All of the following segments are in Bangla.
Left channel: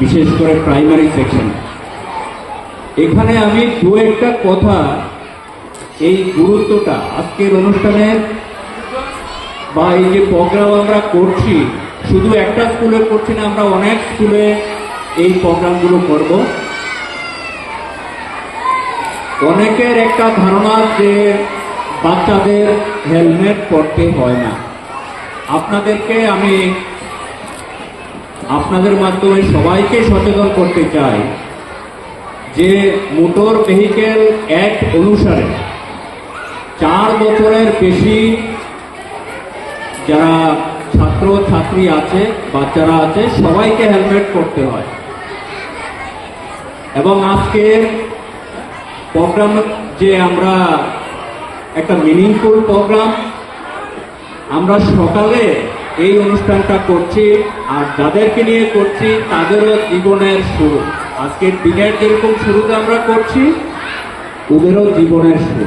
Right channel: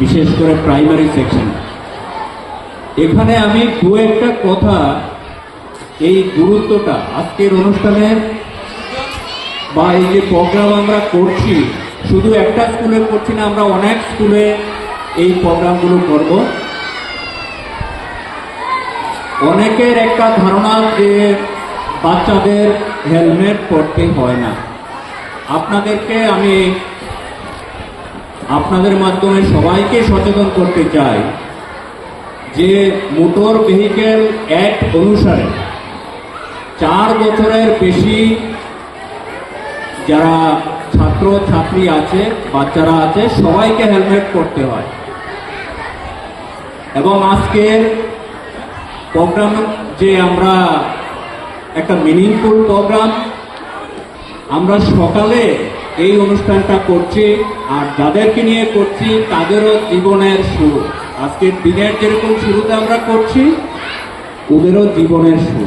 বিশেষ করে প্রাইমারি সেকশন এখানে আমি দু একটা কথা এই গুরুত্বটা আজকের অনুষ্ঠানের বা এই যে প্রোগ্রাম আমরা করছি, শুধু একটা স্কুলে করছি না, আমরা অনেক স্কুলে এই প্রোগ্রামগুলো করব। অনেকের একটা ধারণা যে বাচ্চাদের হেলমেট পরতে হয় না। আপনাদেরকে আমি আপনাদের মাধ্যমে সবাইকে সচেতন করতে চাই যে মোটর ভেহিকেল অ্যাক্ট অনুসারে চার বছরের বেশি যারা ছাত্র, ছাত্রী আছে, বাচ্চারা আছে, সবাইকে হেলমেট করতে হয়। এবং আজকের প্রোগ্রাম যে আমরা একটা মিনিংফুল প্রোগ্রাম, আমরা সকালে এই অনুষ্ঠানটা করছি আর যাদেরকে নিয়ে করছি তাদেরও জীবনের শুরু। আজকের দিনের যেরকম শুরুতে আমরা করছি, ওদেরও জীবনের শুরু।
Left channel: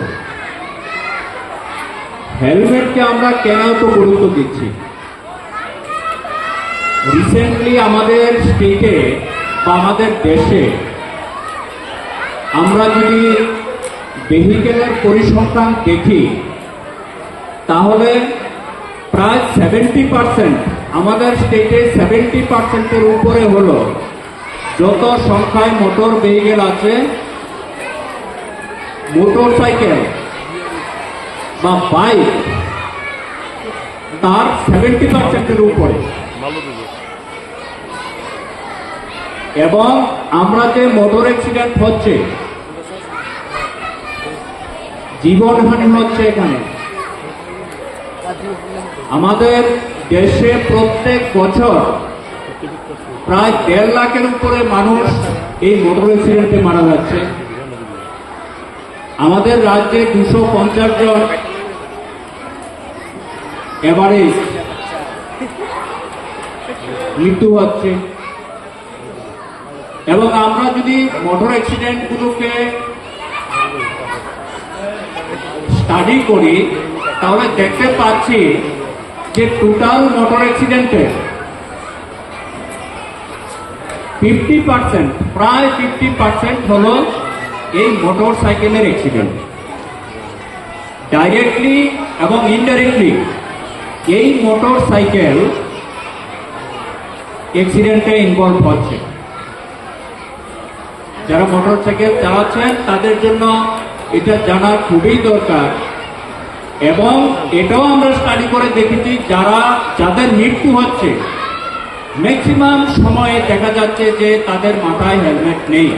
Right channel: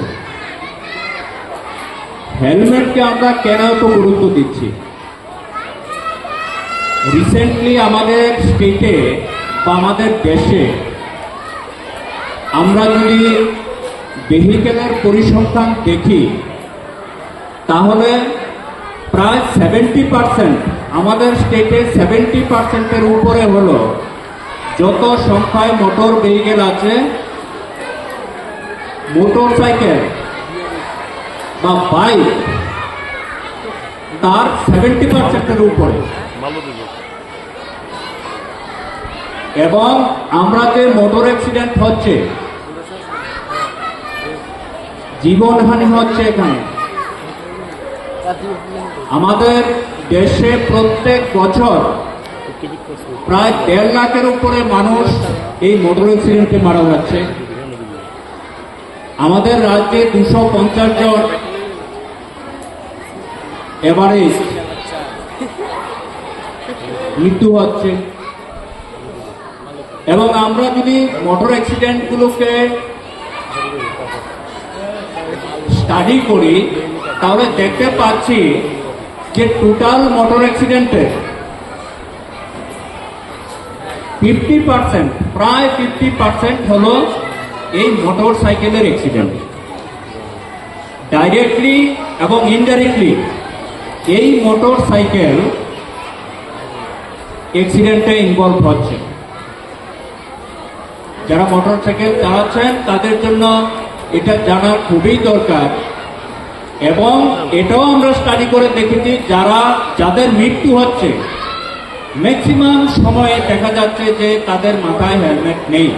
হেলমেটকে আমরা কেন তো গুরুত্ব দিচ্ছি? রিসেন্টলি আমাদের স্টেটে বা আমাদের দেশে আমরা যদি ভেহিকেলের পরিসংখ্যান দেখি, তাহলে প্রায় সেভেন্টি পার্সেন্ট আমাদের স্টেটে সেভেন্টি পার্সেন্টের উপরে হলো। যত সংখ্যায় মোটর ভেহিকেল আছে মোটর সাইকেল বা বাইক তার সেভেন্টি পার্সেন্টের উপরে। এবং আমরা যে মোটর অ্যাক্সিডেন্ট হচ্ছে, জীবনহানি হচ্ছে এখানে। আমাদের দেশে প্রত্যেক বছর প্রায় দেড় লাখের উপরে মানুষ এই মোটর অ্যাক্সিডেন্টে মারা যাচ্ছে। আমাদের রাজ্যে দুশো পঞ্চাশ জন এভারেজ মৃত্যু হচ্ছে। এবং আমরা যদি মোটর অ্যাক্সিডেন্টগুলোকে স্টাডি করি, তাহলে দেখতে পাচ্ছি যে টোটাল মোটর অ্যাক্সিডেন্টে ফিফটি পার্সেন্ট প্রায় ফিফটি পার্সেন্ট হলো এই মোটর সাইকেলের অ্যাক্সিডেন্ট ডাইরেক্টলি এবং ইনডাইরেক্টলি এই মোটর সাইকেল অ্যাক্সিডেন্টে ইনভলভ হচ্ছে। যারা মোটর সাইকেল চালাচ্ছেন, তাদের জন্য এটা জানা খুবই দরকার। এবং এটাও আমরা স্টাডি করে দেখেছি যারা, যাদের মৃত্যু হচ্ছে। ম্যাক্সিমাম সময়ে দেখা যাচ্ছে যে তাদের মাথায় হেলমেট নেই।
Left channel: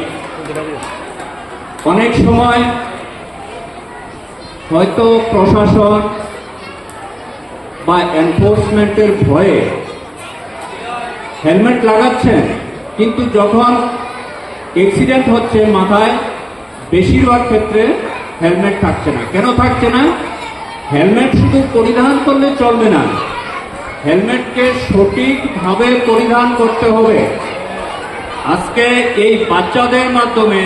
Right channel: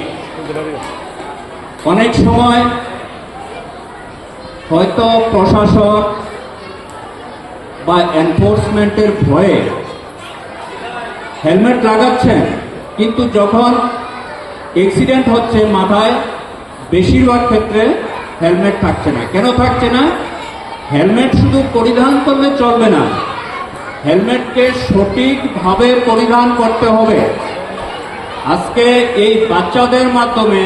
অনেক সময় হয়তো প্রশাসন বা এনফোর্সমেন্টের ভয়ে হেলমেট লাগাচ্ছেন, কিন্তু যখন অ্যাক্সিডেন্ট হচ্ছে মাথায়, বেশিরভাগ ক্ষেত্রে হেলমেট থাকছে না। কেন থাকছে না? হেলমেট শুধু পরিধান করলে চলবে না। হেলমেটকে সঠিকভাবে পরিধান করতে হবে। আজকে এই বাচ্চাদের মাধ্যমে